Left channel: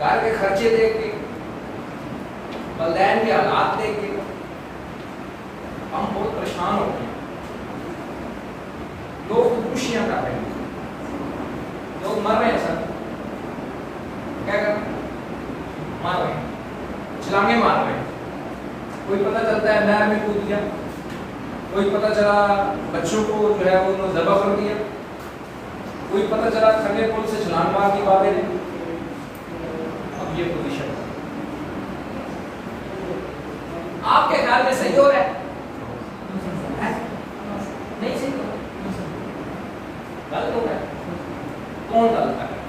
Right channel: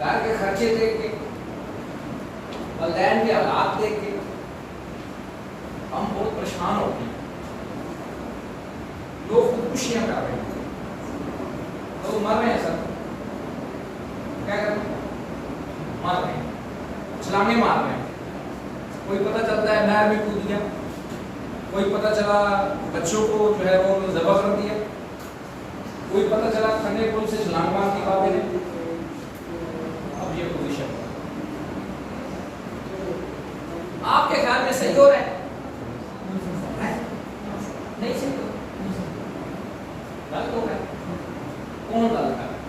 घर के खर्चे देख के, बलदैन के हालात देख के हम बहुत परेशान हो गए। लोग खुदकुशियां कर रहे हैं, लोग मर रहे हैं सर। क्या कर रहे हैं? मर रहे हैं, छलांगे मार रहे हैं। कोई पता चलता है नहर में कूद गया, कोई पता चला बच्चों को जो है वो ज़बह कर दिया, कोई पता चला खंडे पुल से छलांग मार दी बाबे ने। अब ये पोजीशन आपके ख्याल में सही हो रहा है? नहीं सही हो रहा, गलत हो रहा है। कौन गलत कर रहा है?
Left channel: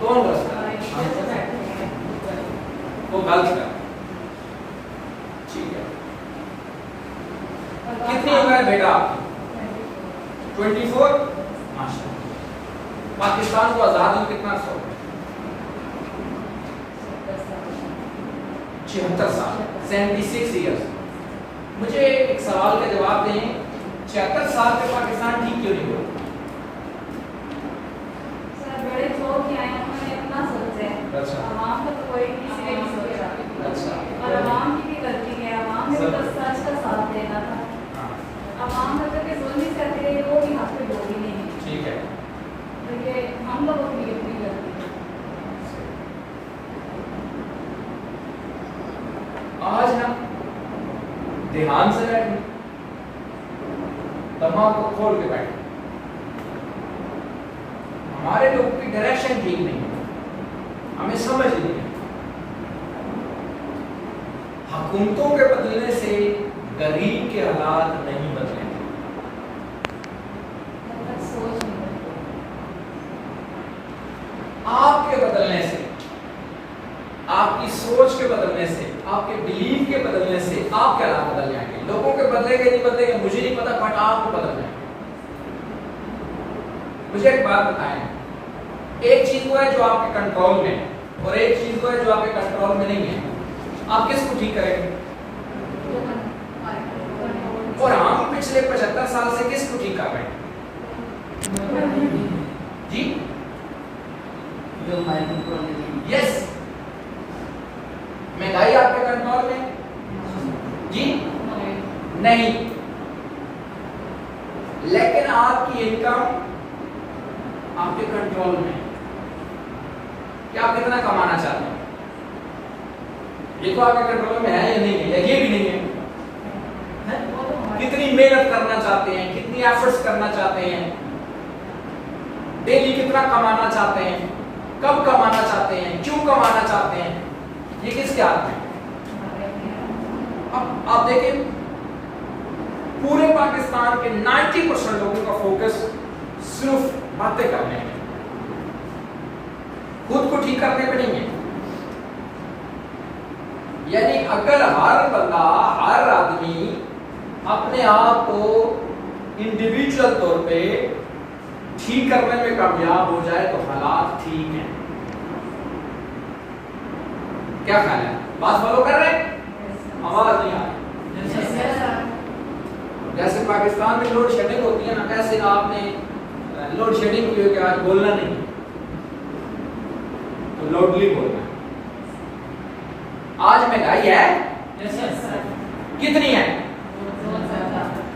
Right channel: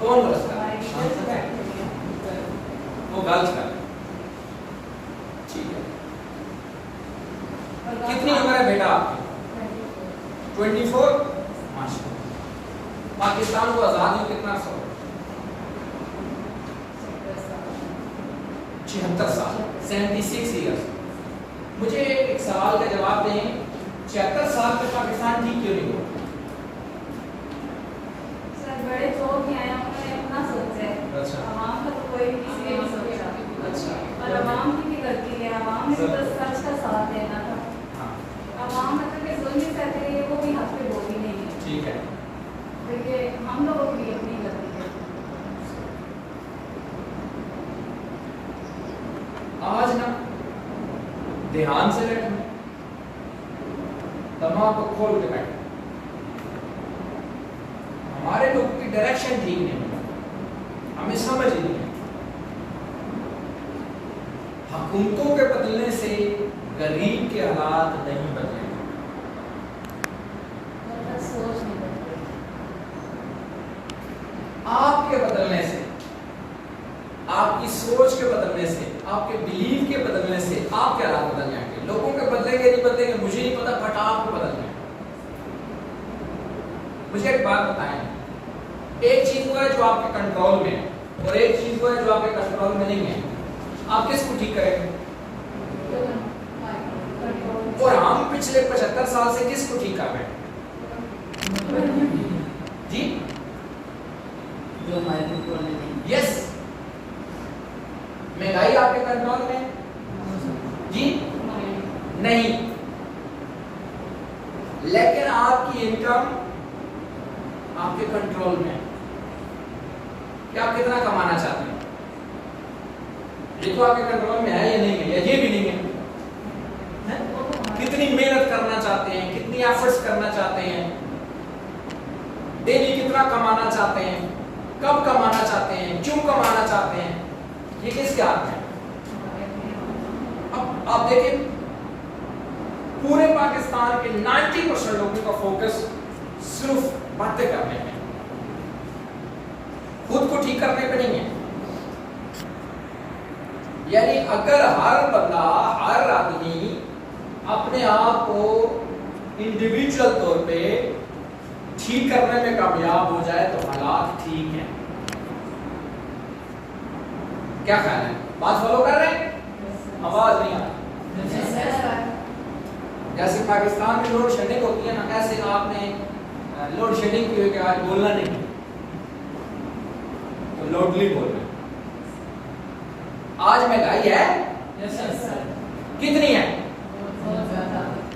कौन गलत कर रहा है? वो गलत कर रहा है। ठीक है, कितनी उम्र है बेटा आपकी? 24। माशाल्लाह। पाकिस्तान को आजाद हुए कितना अर्सा हो गया? 76 साल, 76 ईयर्स। मुझे एक सवाल का जवाब दें, 76 साल पे पाकिस्तान ठीक क्यों नहीं हुआ? सर बड़े जोर के आए, उन्होंने इतना सोचा है। अच्छा। आवाम का तो कोई किसी ने नहीं सोचा। अच्छा। और आवाम की भी गलती है, आवाम ने तो सच का साथ देना था। आवाम मतलब कि जुल्म ही करती रही, वो भी हक पे बोली नहीं है। ठीक है, देखिए हम लोगों की अपनी गलती है। आज ना ध्यान से बैठे, दिमाग को खोल के बैठे। हमारे लोगों की डायरेक्शन ठीक नहीं है, हमें समझ नहीं है। हुकूमतों के बदलने से गरीब के हालात नहीं बदलेंगे। जब तक सोच नहीं बदलेगी। आपके बदलने से, आपकी सोच के बदलने से, आपके बिलीव के बदलने से आपके हालात बदल जाएंगे। लोगों के बदलेंगे नहीं बदलेंगे मुझे नहीं पता, बट आपको बदल जाएंगे। मुझे एक बात बताएं, एक चीज वो है जो आपके कंट्रोल में है और एक चीज वो है जो आपके कंट्रोल में नहीं है। आप किसको ठीक करेंगे? और हम पिछले 75 साल से किसको ठीक कर रहे हैं? जी, जो हमारे कंट्रोल में नहीं। यस। महंगाई आपके कंट्रोल में? जी नहीं। लेकिन आपकी इनकम आपके कंट्रोल में है। क्या आप कितना कमाना चाहते हैं? ये तो आपके कंट्रोल में है या नहीं है, या ये भी नहीं है? कितनी मेहनत करना चाहते हैं, कितनी एफर्ट्स करना चाहते हैं, डेली कितना कमाना चाहते हैं, कब कमाना चाहते हैं, क्यों कमाना चाहते हैं, ये किसके हाथ में? अब आप देखिए, पूरे पाकिस्तान के 90% लोगों का फोकस सिर्फ बातें करने में, खुद को ठीक करने पे नहीं है। यानी अगर हर बंदा, हर आदमी अपने आप को इंडिविजुअल तौर पे ठीक करने में कामयाब हो जाए तो हालात ठीक हैं। क्या ख्याल है? बात फॉलो कर रहे हैं? आवाज नहीं आ रही। जैसे पाकिस्तान में लोड शेडिंग होती है ना, कैसे आपने लोड शेडिंग की हो कि आज बोलना नहीं तो लोडली बोलना है। आज महंगाई है? कितनी है?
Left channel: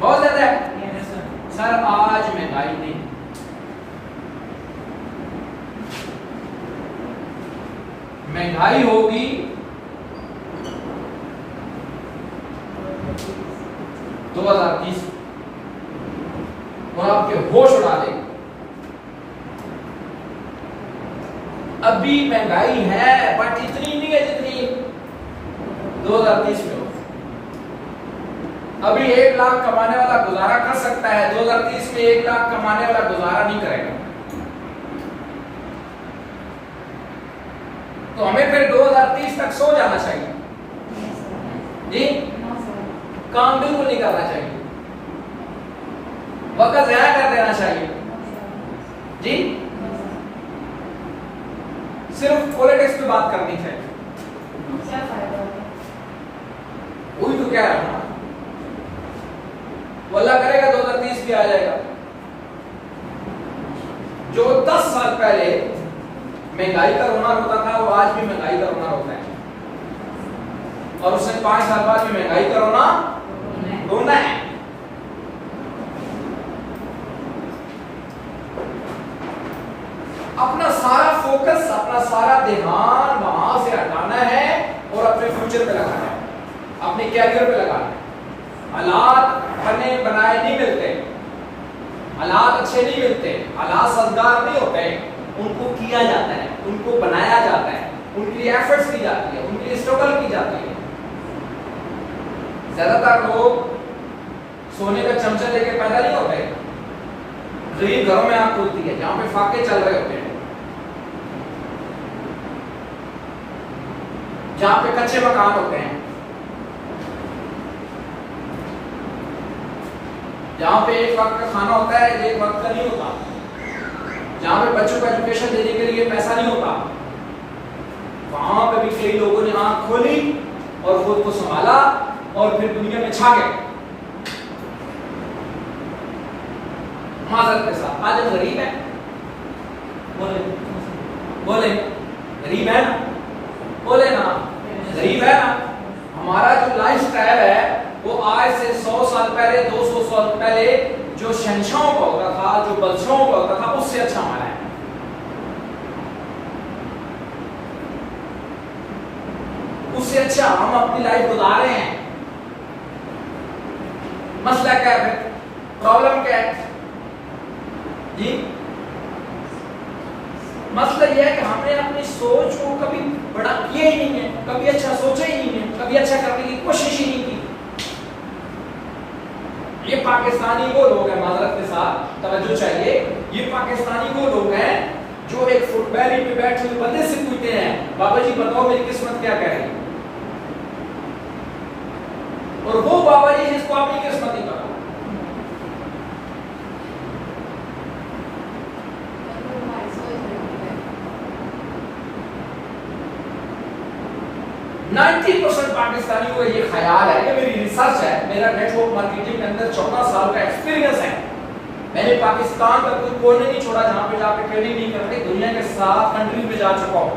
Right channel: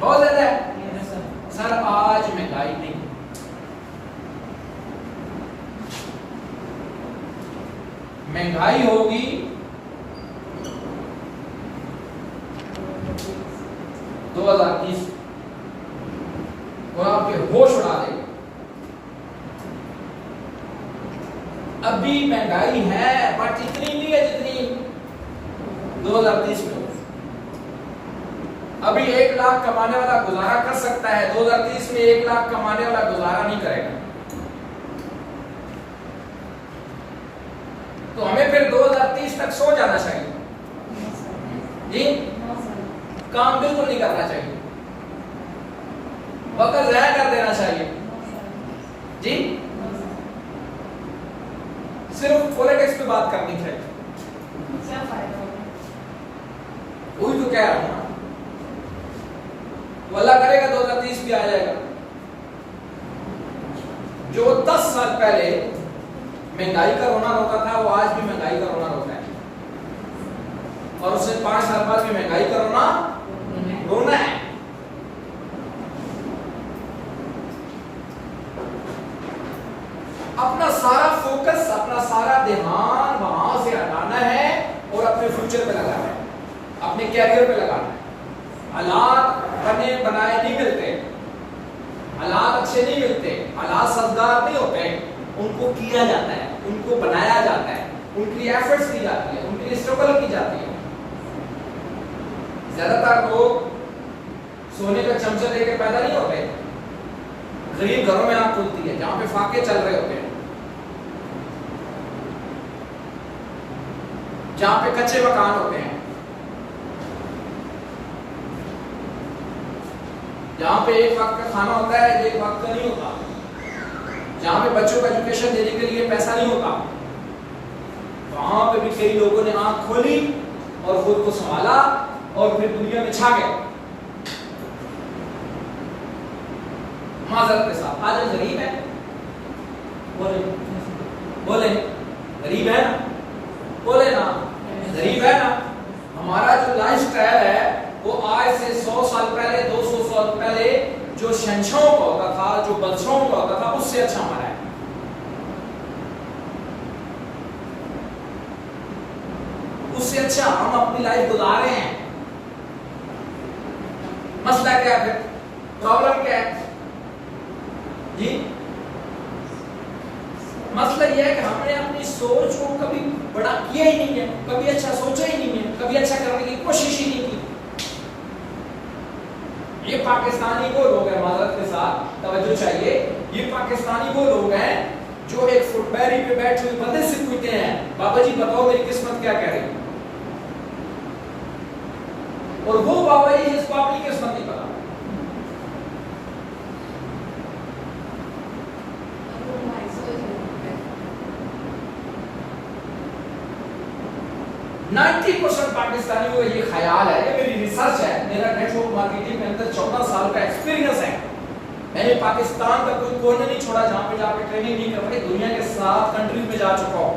बहुत ज्यादा है सर। आज महंगाई नहीं, महंगाई होगी 2030 और आपके होश उड़ा देगा। अभी महंगाई है बट इतनी नहीं है जितनी 2030 में होगी। अभी 1 लाख कमाने वाला गुजारा कर सकता है, 2030 में 1 लाख कमाने वाला गुजारा नहीं करेगा। तो हमें फिर 2030 तक सो जाना चाहिए जी, काम बिल्कुल नहीं करना चाहिए, वक्त ज़ाया कर देना चाहिए जी, सिर्फ पॉलिटिक्स पे बात करनी चाहिए। क्या फायदा? वही तो कह रहा हूं, वो अल्लाह करेगा 2030 भी आ जाएगा। जो 10 साल पहले महंगाई का रोना रोता था, वो आज भी महंगाई का रोना रोता है, और उसने 5 साल बाद भी महंगाई का रोना रोना है। अपना सारा फोकस, अपना सारा ध्यान वहां से हटाना है और अपने फ्यूचर पे लगाना है, अपने कैरियर पे लगाना है। हालात बने बनाए नहीं मिलते, हालात अच्छे नहीं मिलते, हालात सजदार नहीं होते, उनको किया जाता है, उनको बनाया जाता है, उनके लिए एफर्ट्स की जाती है, उनके लिए स्ट्रगल की जाती है। ज्यादातर लोग सोने का चमचा लेके पैदा नहीं होते, गरीब घरों में आंख खुलती है जहां पे फाके चल रहे होते हैं, जहां पे कच्चे मकान होते हैं, जहां पे एक वक्त का खाना होता है, एक वक्त का नहीं होता, जहां पे बच्चों को एजुकेशन देने के लिए पैसा नहीं होता, वहां पे भी कई लोगों ने आंख खोली और खुद को संभाला और फिर दुनिया में छा गए। माजरत के साथ आज हम गरीब हैं, बोले बोले गरीब है ना, बोले ना गरीब है ना। हमारा जो लाइफस्टाइल है वो आज से 100 साल पहले, 200 साल पहले जो शहंशाहों का होता था, जो बादशाहों का होता था, उससे अच्छा हमारा है। उससे अच्छा हम अपनी लाइफ गुजार रहे हैं। मसला क्या है, प्रॉब्लम क्या है जी? मसला यह है कि हमने अपनी सोच को कभी बड़ा किया ही नहीं है, कभी अच्छा सोचा ही नहीं है, कभी अच्छा करने की कोशिश ही नहीं की। ये पाकिस्तानी वो लोग हैं, माजरत के साथ तवज्जो चाहिए, ये पाकिस्तानी वो लोग हैं जो एक फुटबॉल पे बैठे हुए बंदे से पूछते हैं, बाबा जी बताओ मेरी किस्मत क्या कह रही है, और वो बाबा जी जिसको अपनी किस्मत नहीं पता। 90% पाकिस्तानी को ये ख्याल है, ये मेरी रिसर्च है, मेरा नेटवर्क मार्केटिंग के अंदर 14 साल का एक्सपीरियंस है। मैंने पाकिस्तान का कोई कोने नहीं छोड़ा जहां पे जाके ट्रेनिंग नहीं कर रही, दुनिया के 7 कंट्रीज में जा चुका हूं।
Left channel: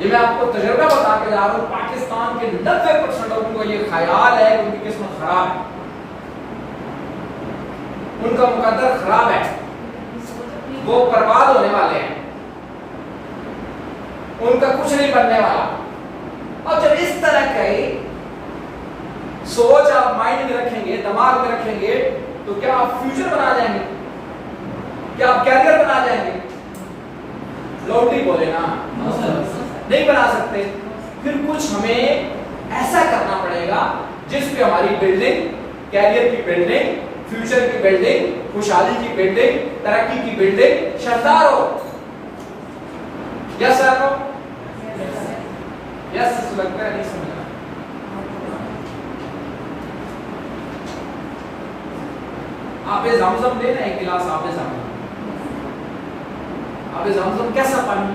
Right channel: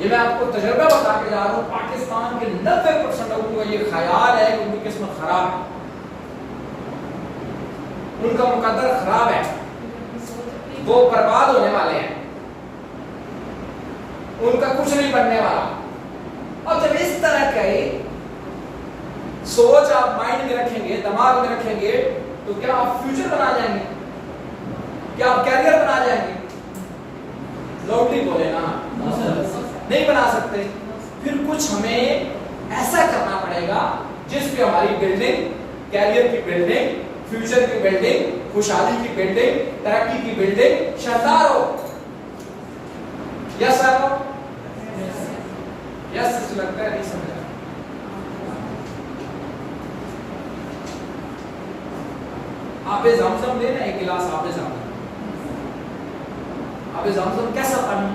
ये मैं आपको तजुर्बा बता के जा रहा हूं। पाकिस्तान के 90% लोगों का ये ख्याल है कि उनकी किस्मत खराब है, उनका मुकद्दर खराब है, वो बर्बाद होने वाले हैं, उनका कुछ नहीं बनने वाला। और जब इस तरह की सोच आप माइंड में रखेंगे, दिमाग में रखेंगे, तो क्या आप फ्यूचर बना जाएंगे? क्या आप कैरियर बना जाएंगे? लॉटरी बोले ना, नहीं बना सकते। फिर कुछ हमें ऐसा करना पड़ेगा जिस पे हमारी बिल्डिंग, कैरियर की बिल्डिंग, फ्यूचर की बिल्डिंग, खुशहाली की बिल्डिंग, तरक्की की बिल्डिंग शानदार हो। यस सर, यस लगता है नहीं समझा। आबे ज़मज़म लेना, एक गिलास आबे ज़मज़म। आबे ज़मज़म कैसा पानी?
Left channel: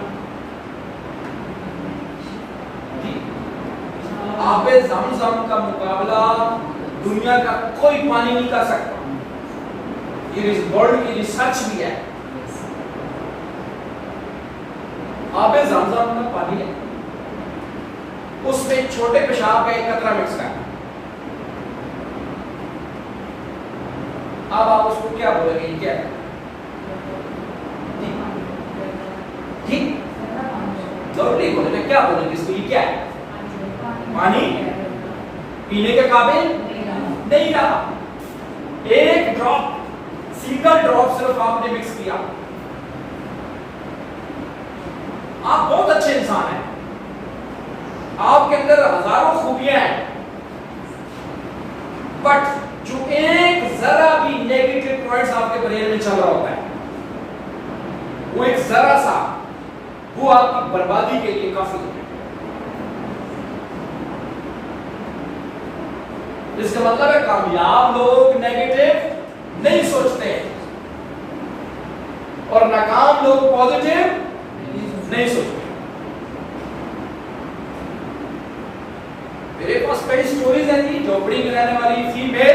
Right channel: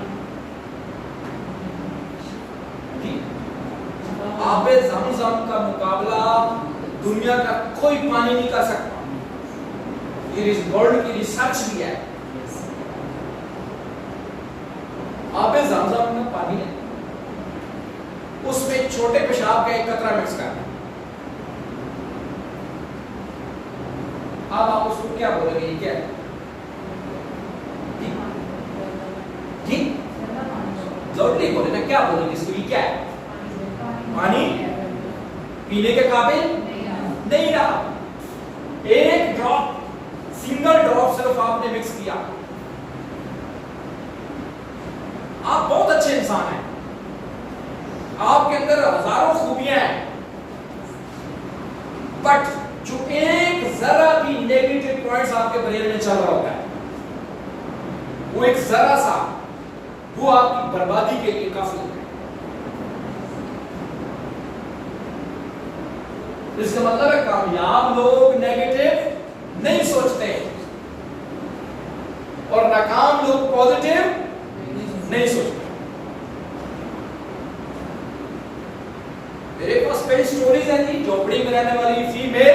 आबे ज़मज़म का मुकाबला दुनिया का कोई पानी नहीं कर सकता। ये इस वर्ल्ड की रिसर्च भी है। आबे ज़मज़म का पानी है, उसमें छोटे पेशाब का एक कतरा मिक्स करना। अब आप उसको क्या बोलेंगे? ये क्या है? ठीक, लॉटरी बोलेंगे, क्या बोलेंगे इसको? ये क्या है? पानी पीने के काबिल नहीं रहा। एक ड्रॉप, सिंगल ड्रॉप सिर्फ आपने मिक्स किया। आप बहुत अच्छे इंसान हैं, आपके अंदर हजारों खूबियां हैं, बट जो एक जरा भी नेगेटिव पॉइंट्स आपके ब्रेन में चल रहा होता है, वो एक जरा सा, वो आपकी बर्बादी के लिए काफी है। इसका मतलब है कामयाब लोग नेगेटिव नहीं सोचते और नाकाम लोग पॉजिटिव नहीं सोचते। मेरे पास कई स्टोरीज हैं जी, झोपड़ी में रहने वाली फीमेल